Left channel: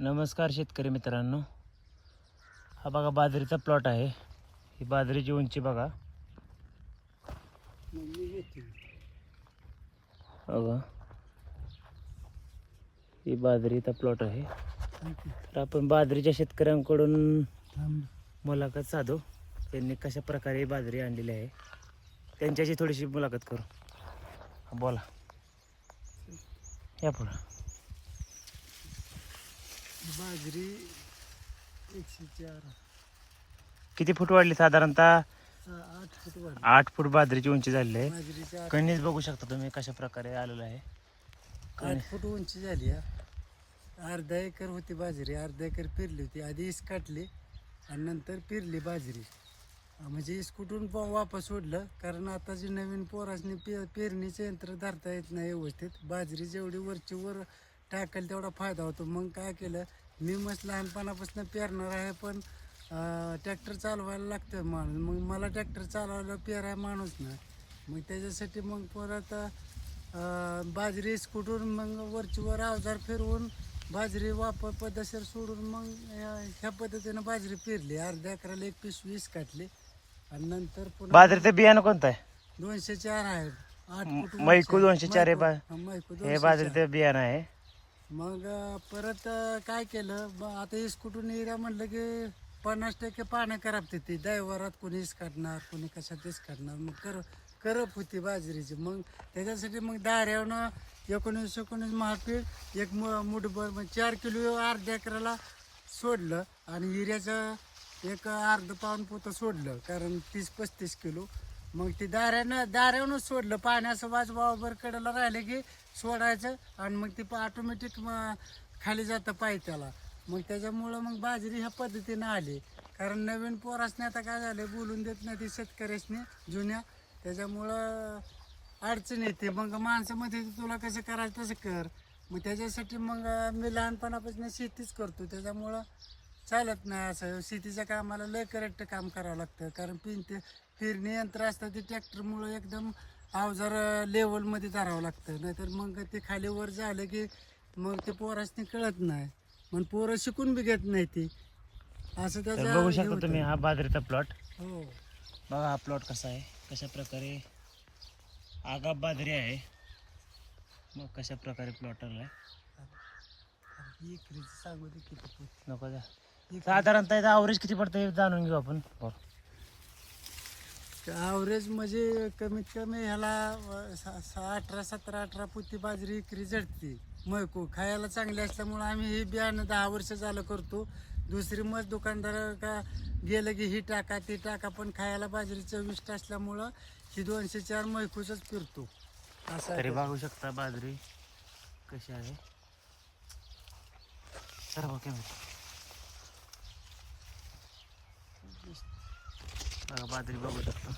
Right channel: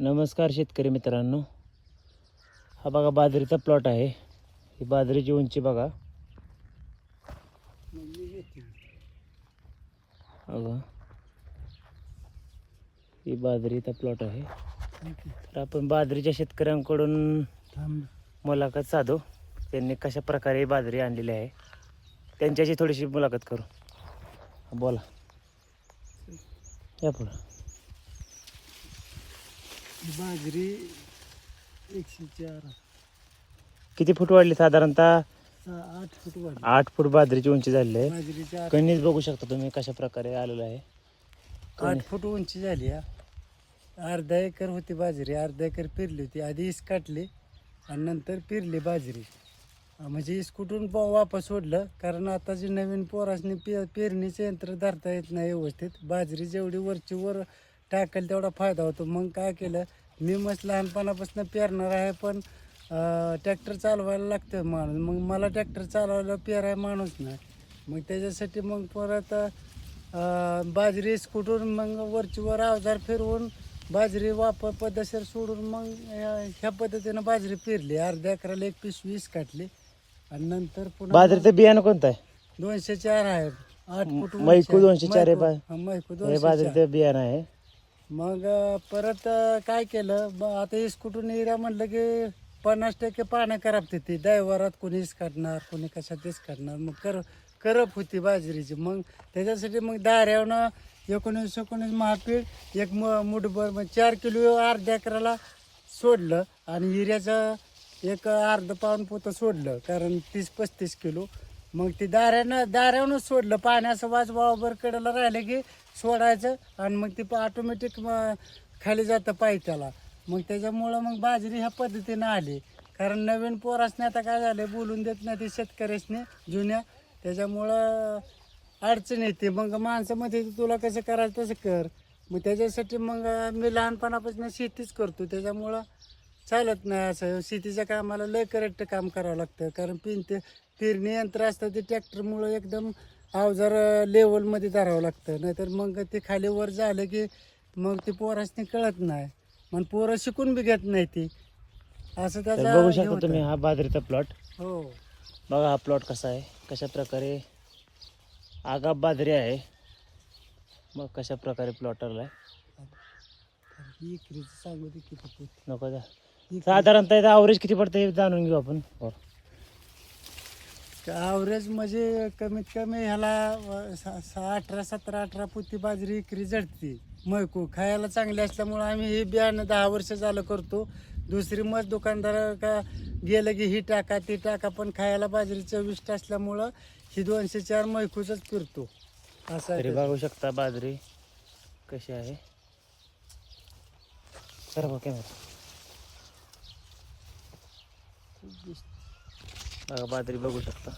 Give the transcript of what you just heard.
नमस्कार शेतकरी मित्रांनो, हा बघा बाजरीचा प्लॉट आहे. ही बाजरीची उंची बघा. बघा ही बाजरीचा प्लॉट आहे. तर आपण बाजरीच्या शेतकऱ्यांकडून मुलाखत साधू. त्यांनी कशा प्रकारे बाजरी आणलेली आहे त्यांच्याशी थोडीशी मुलाखत करू. बोला, या पुढं. बाजरी 104 किती फूट वाढली? साधारणतः 8 फूट वाढली. 8 फूट बाजरीची उंची झालेली आहे. बाजरीची 8 कणीस बघू शकता तुम्ही कशा प्रकारे आलेलं आहे. 8 फूट उंची झाली. अर्धा एकर होती बाजरी, अर्धा एकर पेरली होती. आधी इस काटली आणि नंतर पेरली बाजरी. म्हणजे इस कुठून वापस सोडलं, कारण आता जे नवीन पोरासनी पेरणीचे यंत्र धरता येत नाही व्यवस्थित. बाजरी जेवढी वरची वर टाकेल तेवढा फायदा होतो. मग काय केलं, मी मस्त लहानपणापासून पेरणार आहे, पण ट्रॅक्टर चालवायला लागतं माणूस. मग मला ट्रॅक्टर चालवायला पेराय माणूस नाही. मग त्याच्यासाठी मग परत बाजरी कुठून मग वरची वर अवजार फिरवून बाजरी वापर पद्धतशीर सोडून मग ह्या पद्धतीनं बाजरी पेरली. अर्ध्या एकराला 1 पिशवी काटली आणि नंतर पुन्हा बाजरीचं बियाणं कोणतं आहे? 204 आहे. 8 फूट मैकू 204 आहे. मैकू हे 204. बाजरीचं बियाणं आहे. मग परत काय केलं, आता इस कुठून एरिया म्हटलं की 50% पानं करापते. ती दैवारात कोणी काढणार, कोणी कशात काढणार. मग करप होती बाजरीची. मग त्याच्यासाठी मग दाऱ्यावनं 19 महापीठ एक मुठभर, मग 4 किलो अर्ध्या एकराला सोडलं आणि हिऱ्याचं एक अर्ध पाऊण पोतं सोडलं, कारण 30-35 किलो. मग ते दाऱ्यावरच सोडलं. पाण्याचं वाजवावर कडेला राहिलं की सोडायचं आणि मग ती ऑटोमॅटिक खाली जातं पायथ्याला. मग त्याच्यामुळं मग बाजरी ह्या पद्धतीनं आली. कारण नवीन पोरासने आता काय झालं, बोलून देत नाही ते शेतकऱ्यासने जुन्या, त्याच्यामुळं अडचण येते. मग माणसामध्ये तुला कसं करायचं तसं कर. मग त्याच्यासाठी मग मी लहानपणापासून शेतीच करतो, त्याच्यामुळं चालत नाही असं. शेतीच्या कामाला लय करेक्ट काम करावं लागतं, कारण पेरणी यंत्र असतं ते ट्रॅक्टरमुळं एकदम अवजार लेवलमध्ये धरावं लागतं. नाहीतर मग ते खाली वर झालं की मग ते पोरासनी कळत नाही. मग पोरं शिकून बी घेत नाही ती असं तर त्याचा बघू हे शकता होतं. तुम्ही हा बाजरीचा प्लॉट. हो, बघा हा प्लॉट कसा आहे, कशा प्रकारे आगाप बाजरी आहे. मग कशा प्रकारे प्लॉट आलाय. इकरीचं सांगू दे किती फूट. नको जा. इकरी साधारणतः ॲव्हरेज किती पडतं हे जाणून घेऊ आपण. ॲव्हरेज म्हणजे कमीत कमी ह्याला 18 पोती बाजरी इकरी जडते. मैकू खायला चांगली असल्यामुळं आम्ही हे बियाणं 10 वर्ष झालं करतो. दुसरी मग दुकानदार का गेलं की ही टाका ती टाका, पण खायला बाजरी चविष्ट असल्यामुळं ही 204 मैकूचंच फिरतो असं. तरी बघू शकता बाजरी कशी आहे. सर बघ कॅमेरा. बघा बाजरी बघू शकता.